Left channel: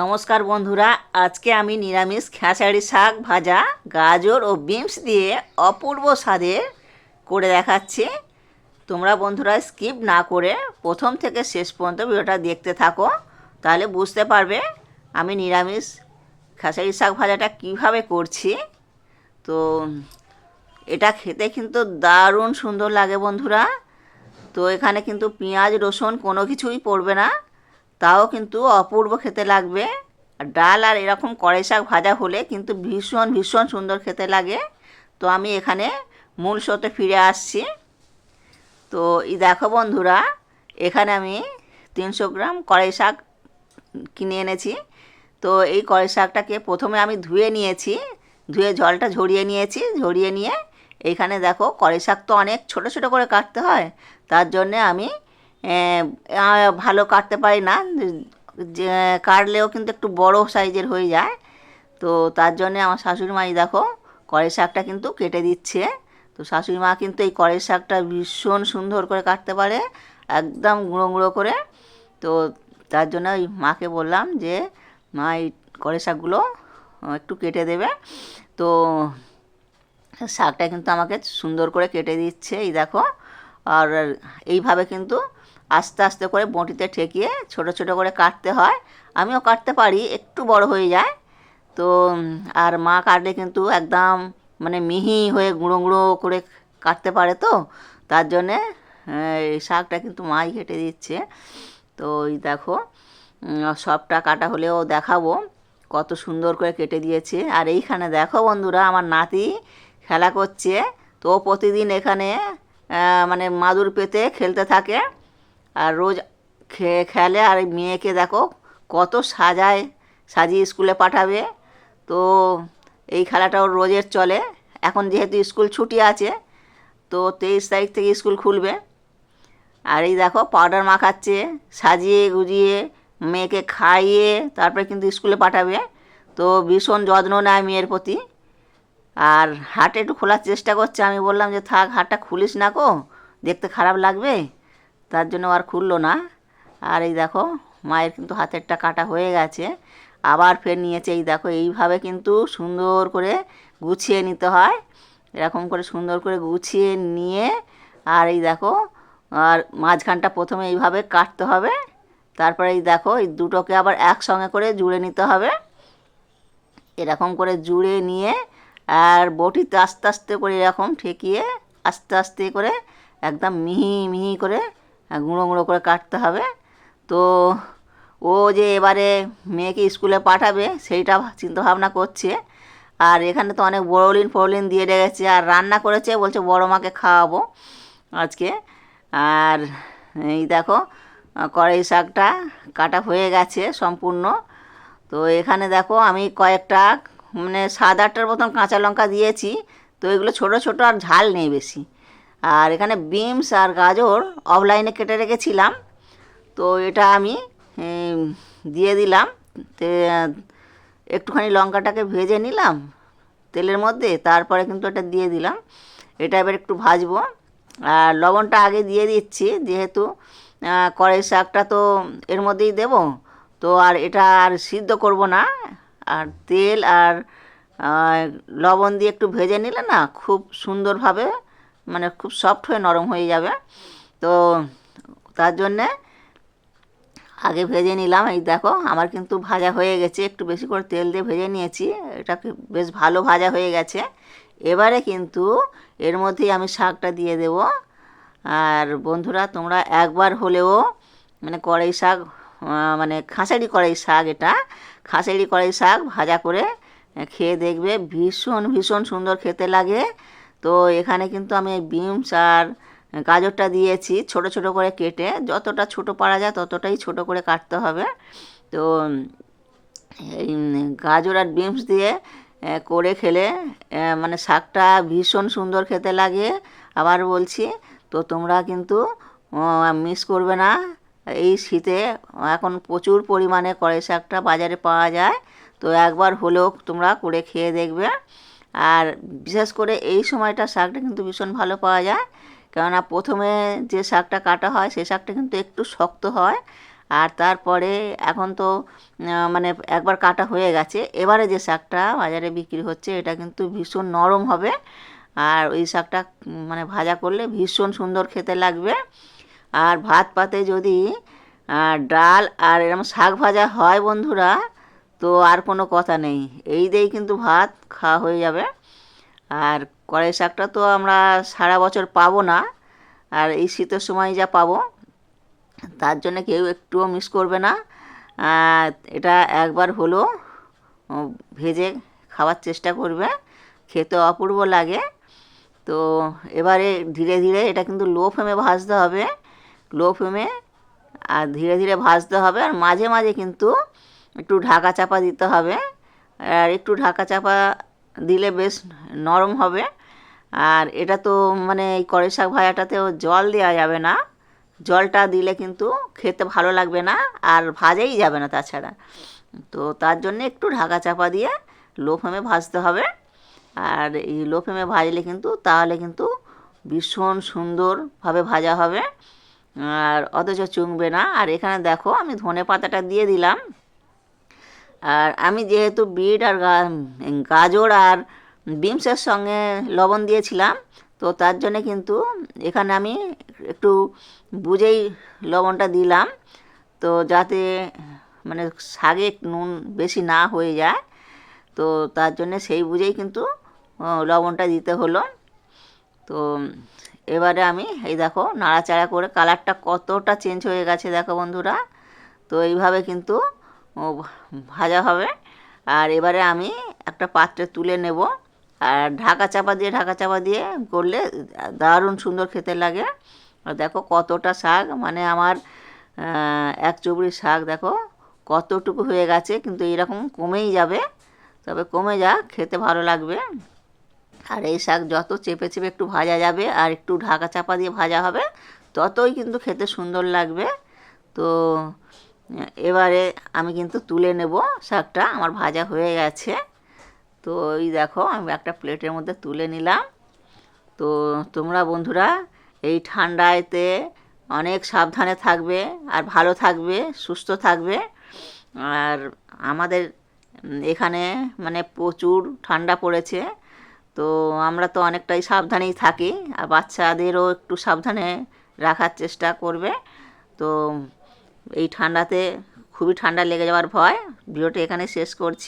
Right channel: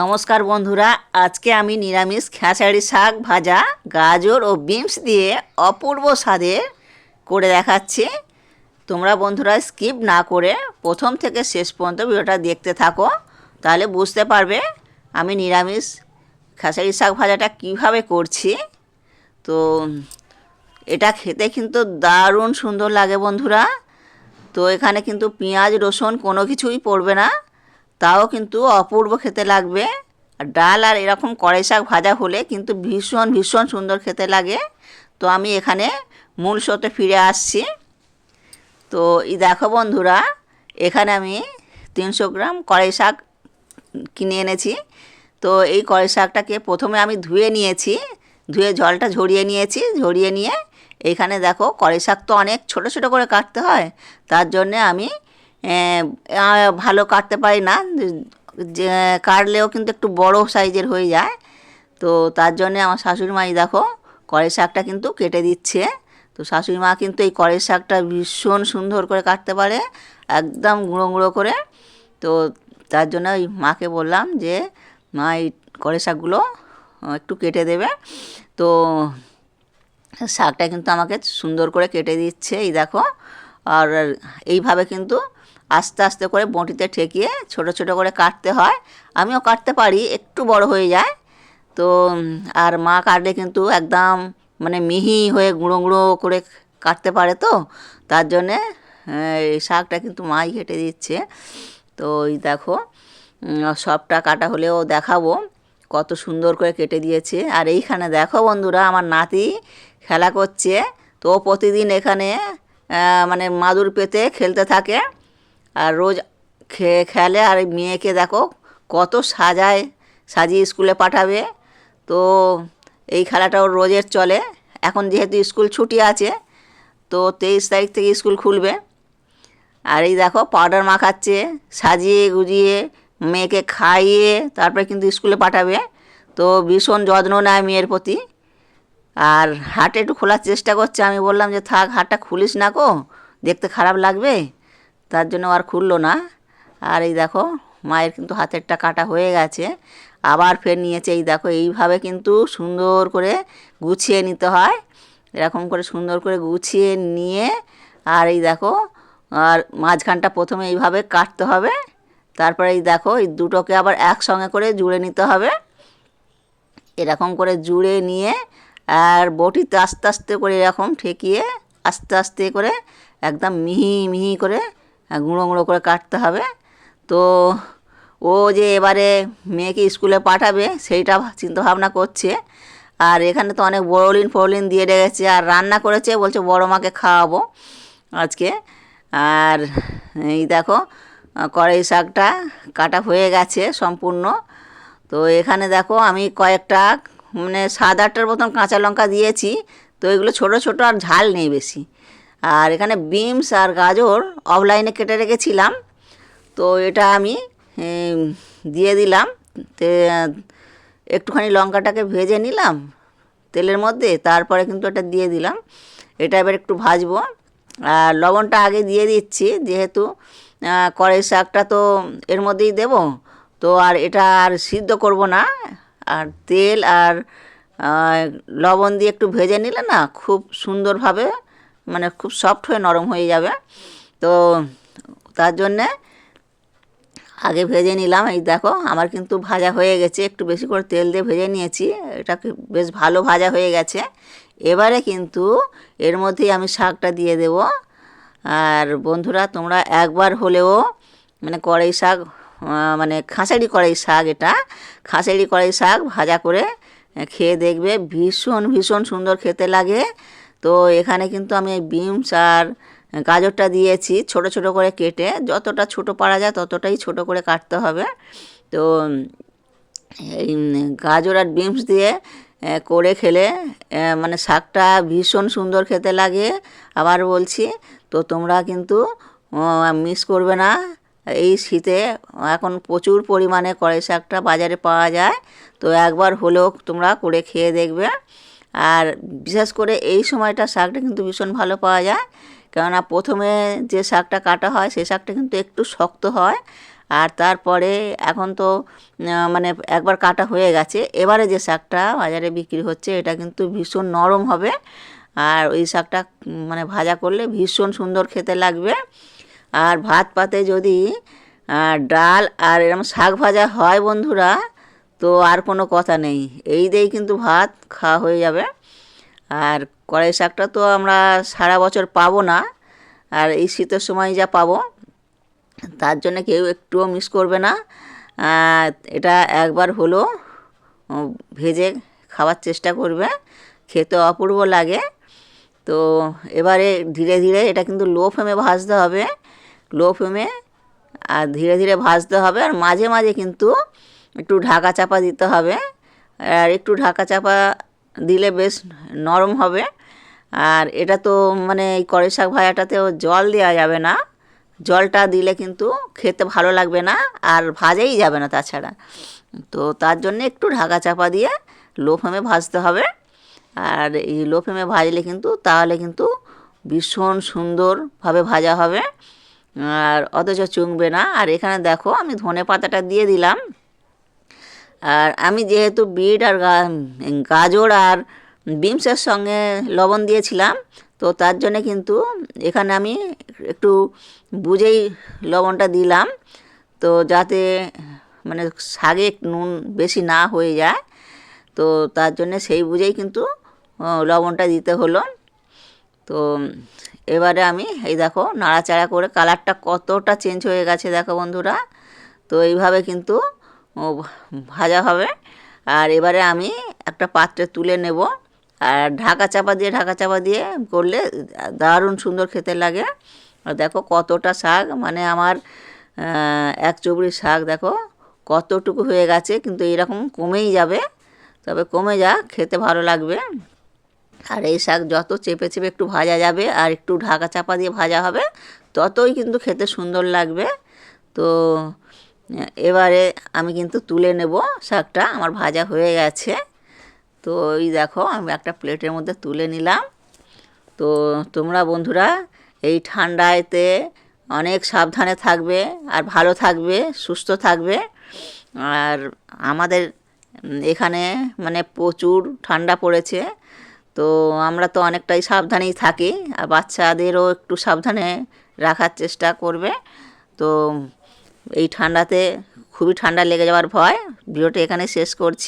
নমস্কার বন্ধুরা, আজকে আমি নিরামিষ খেসারি শাক ভাজা গাজর ও বিনস দিয়ে অপূর্ব স্বাদে করে দেখাচ্ছি। তোমরা বন্ধুরা স্কিপ না করে প্রথম থেকে শেষ পর্যন্ত ভিডিওটা দেখতে থাকো, তাহলে বুঝতে পারবে আমি নিরামিষ খেসারি শাক ভাজাটা কিভাবে করছি। তো এটা খেতে কিন্তু দারুণ সুন্দর লাগে বন্ধুরা। তো এখানে কিন্তু পেঁয়াজ রসুন কোনো কিছুই পড়বে না, তাও কিন্তু অপূর্ব খেতে লাগবে। আর ডাল আর এরকম কড়াই শাক ভাজা হলে কিন্তু ভীষণ ভীষণ সুন্দর খেতে লাগে। তো আমি এখানে মূল স্রোতে ফিরে আসছি। তো এই দেখো বন্ধুরা, এখানে আমি 300 গ্রাম কড়াই শাক কিনে এনেছি। তো এই কড়াই শাকটাকে প্রথমে আমি ধুয়ে নিয়েছি, ধুয়ে জলটা ঝরিয়ে নিয়েছি। ঝরিয়ে নিয়ে এইখানে দেখো, কড়াই শাক তো অনেক ছোট ছোট করে কাটতে হয়, তার জন্যে আমি ভালো কাটতে পারি না, যে কাটলেও কিন্তু একটু বড় সাইজের হয়ে যায়। তো তার জন্যে আমার শাশুড়ি মাই দেখো কড়াই শাকটা কিন্তু কেটে দিচ্ছে। তো শাশুড়ি মা কিন্তু এই কড়াই শাকটা ভীষণ সুন্দর করে কাটতে পারে, একদম গুঁড়ো গুঁড়ো করে। তো তার জন্য ওই মাকে বললাম যে মা এই কড়াই শাকগুলো একটু কেটে দেবে। তো শাকটা কিন্তু আমাকে সুন্দর করে কেটে দিচ্ছে, এই দেখো। আর এইভাবে কিন্তু আস্তে আস্তে করে বঁটিতে ঠেকিয়ে ছোট ছোট করে কাটতে হয়। আমিও কাটতে পারি, একটু বড় হয়ে যায়। তো আর মা কাটলে কিন্তু একদম মানে মিহি হয়ে গুঁড়ো গুঁড়ো করে কাটতে পারে। তো তার জন্যে এই শাকটা কিন্তু মাই কেটে দিচ্ছে। তো এই দেখো, সবটা কাটা হলেও দেখাবো কত সুন্দর করে কেটে দিয়েছে। আর এইখানে দেখো বন্ধুরা, আমার নাতি খেলা করছে। তো প্রতিদিন এখানে মানে মাদুর পেতে খেলতে থাকে, আর রোজ খেলে। আর মেয়েকে দেখো কত সাজিয়ে স্কুলে পাঠাবে। তো এই খেলাটাও রোজের চলে। এখন যেহেতু স্কুল ছুটি আছে, তো 23 তারিখ থেকে স্কুল খুলবে। আর এই দেখো পাউডার মাখাচ্ছে, সাজিয়ে গুজিয়ে মেয়েকে খাইয়ে তারপরে কিন্তু স্কুলে পাঠাবে। তো ভীষণ যত্ন নেয় মেয়ের প্রতি। আর হাট একটু খোলার চেষ্টা করছে, আমি বললাম যে থাক, হাটটা খুলিস না গো, দেখতে খারাপ লাগবে। তার জন্য আর খুললো না। আর এই দেখো মায়ের কিন্তু হাতেরটা কাটা হয়ে গেছে, আবার ফের নিয়েছে। এই দেখো এইভাবে কিন্তু সুন্দর করে গুছিয়ে নিতে হয়, এরকম করে সুন্দর করে গুছিয়ে নিয়ে। আর এই দেখো, আর মাঝখানটা প্রথমে এইভাবে কাটতে হবে। তারপরে এই দেখো এই দুটোকে আবার একসঙ্গে করে জুড়ে নিতে হবে, এরকম করে জুড়ে নিয়ে। আর বটিতে আস্তে আস্তে করে এরকম ঠেকিয়ে আস্তে আস্তে করে একদম মিহি মিহি করে গুঁড়ো গুঁড়ো করে কাটতে হবে। তো ও যে এবারে মেয়েকে স্কুলে পাঠাবে সেইটা চিন্তাভাবনা করছে। আর এখানে তো অনেক বড়লিন ফড়লিন দিয়ে রেখেছে, আর রান্না করেছে, বলছে বড় মাকে খাওয়াবো আজকে। আর এই দেখো কড়াই শাকটা কাটা হয়ে গেছে সম্পূর্ণ। তো এখানে দেখো আমি কয়েকটা মানে 7-8টার মতন কাঁচা লঙ্কা দিয়েছি। তো এগুলো ছোট ছোট, আর ঝাল নেই বেশি। আর এখানে বিনস আর গাজর অফলাইনে কেটে রেখেছিলাম, তো এটা আমি দিয়ে দিলাম। একটুখানি লঙ্কাটাকে ভেজে নিলাম তেলের মধ্যে, তারপরে কিন্তু এটা দিয়ে দিলাম। এটা এবার একটু ভাজবো। আর লবণটা আগে দিয়ে দিচ্ছি, যেহেতু কড়াই শাকটা তো এর মধ্যেই দেব। তো আর এটা আর সিদ্ধ করব না। আর তেল আর লবণ দিয়ে একটু ভেজে নিলে না খুব সুন্দরভাবে, মানে খুব সফট হয়ে নরম হয়ে যাবে। তো তার জন্যে আগে ভেজে নিলাম। এই দেখো আমার কিন্তু ভাজা হয়ে গেছে, একটু বেশি করে তেল দিয়ে ভেজে নিয়েছি, এটাকে বেশ ভালো ভাজা হয়ে গেছে। এবারে কিন্তু এর মধ্যেই আমি শাকটা দিয়ে দেব। আর বন্ধুরা তোমরা একবার হলেও মানে কড়াই শাক, মানে খাঁসারি কড়াই শাক, এটা খাঁসারি কড়াই শাক ভাজা করে খেয়ে দেখবে, ভীষণ ভীষণ সুন্দর খেতে লাগে। তো এখানে কিন্তু আমি এই বিনস আর গাজরটা দিয়েছি ছোট ছোট করে কেটে, যতটা ছোট পারা যায় ততটাই ছোট করে কাটতে হবে। তো এই গাজর আর বিনস দিয়ে করে খেলে মানে শাকটা ভীষণ সুন্দর খেতে লাগে। আবার বলছি, তো তোমরা কিন্তু মিস করবে না। এই শীতে এখন প্রচুর পরিমাণে কড়াই শাকটা বাজারে পাওয়া যায়, তো একবার হলেও তোমরা করে খেয়ে দেখবে। আর বিশেষ করে এই সময়টা শাকটা কিন্তু ভীষণ ভালো পাওয়া যায়, কেননা প্রথমে যে শাকটা কাটা হয় সেই শাকটা কিন্তু একটু শক্ত হয়। আর তারপরে এখন তো মানে একবার কাটা হয়ে গেছে, এবারে যে শাকটা বাজারে বিক্রি হচ্ছে এটা কিন্তু ভীষণ নরম হবে। আর ওই শাকটা মানে ভাজা করলে ভীষণ সুন্দর খেতে লাগবে। আর ভাত পাতে যদি ডাল আর এরকম শাক ভাজা হয় বন্ধুরা, তো আর কোনো কথা নেই, এই দিয়েই কিন্তু ভাত খাওয়া হয়ে যাবে। আর কড়াই শাকটা তো আমরা সারা বছর পাবো না, আর এই শীতের সময় যা পাবো, তার জন্য কেউ একটুও মিস করবে না। এটা একবার হলো ভেজে খাওয়ার চেষ্টা করবে, খেতে অপূর্ব লাগে। তো এবারে ধীরে ধীরে এটা কিন্তু লো ফ্লেমে ভাজতে হবে, লো ফ্লেমে আর ধীরে ধীরে ভাজতে হবে। আর মাঝে মাঝে কিন্তু একটু ঢাকা চাপা দিতে হবে, আর একটু ঢাকা চাপা দিলে বেশ নরম হবে। আর এটা তো মানে এই কড়াই শাক ভাজাটাতেও জল দেওয়া যাবে না, জলটা দিলে কিন্তু খেতে ভালো লাগবে না আর ভাজাই যাবে না তাছাড়া। তো তার জন্য একটু ঢাকা চাপা দিয়ে লো ফ্লেমে ভাজতে হবে। আর এই লো ফ্লেমে ভাজলে কিন্তু তাহলে কিন্তু ভীষণ সুন্দরভাবে ভাজা হবে আর অথচ চুংবে না। আর এখানে দেখো আমি ধনে পাতাটা দিয়ে দিলাম। আর আমি যেহেতু বিট আর গাজর আর বিনসের সঙ্গে লবণ দিয়েছিলাম, তো তার জন্যে কিন্তু এখানে আমি একটু বুঝেই লবণটা দিলাম, তো যাতে মানে শাকে নুন বেশি না হয়ে যায়। তো তার জন্যে সেই বুঝেই কিন্তু লবণটা দিতে হলো। তো এবারে আমি এই দেখো নাড়াচাড়া করে কালারটা কতটা চেঞ্জ হয়ে গেছে দেখো বন্ধুরা। তো এইভাবে কিন্তু ভাজা হবে। আর এবারে আমি একটা পাত্রে তুলে নেব। আর ঢাকা চাপা দিয়ে করলে দারুণ সুন্দর খেতে লাগে। আর দেখো কতটা শাক, মানে আমার এক চুবড়ি শাক দেখো কতটুকু হয়ে গেছে, কিন্তু এরকম কমেই যাবে, তবে কমে যা খেতে ভালো লাগবে। আর এই শাক যত চেপে চেপে একটু ভাজা যাবে আর একটু ঢাকা চাপা দিয়ে ভাজা হবে, ততই কিন্তু খেতে সুন্দর লাগবে। তো এবারে আমি কিন্তু তুলে নেব, শাকটা আমার ভাজা হয়ে গেছে। তো এই দেখো আমি একটা প্লেটের মধ্যে তুলে নিলাম। তো তোমরা বন্ধুরা এই ঠান্ডাতে অনেক সাবধানে থাকবে আর ভালো থাকবে, সুস্থ থাকবে। আর আমাদের এখানে মানে প্রচুর ঠান্ডা পড়েছে, তো আমরা তো অনেকটাই সাবধানেই থাকি, আর বাচ্চাদেরও একটু সাবধানে রাখার চেষ্টা করবে। তো এই ঠান্ডাতে খুবই ঠান্ডা লেগে যাওয়ার ভয়। ভিডিওটা এখানে শেষ করছি।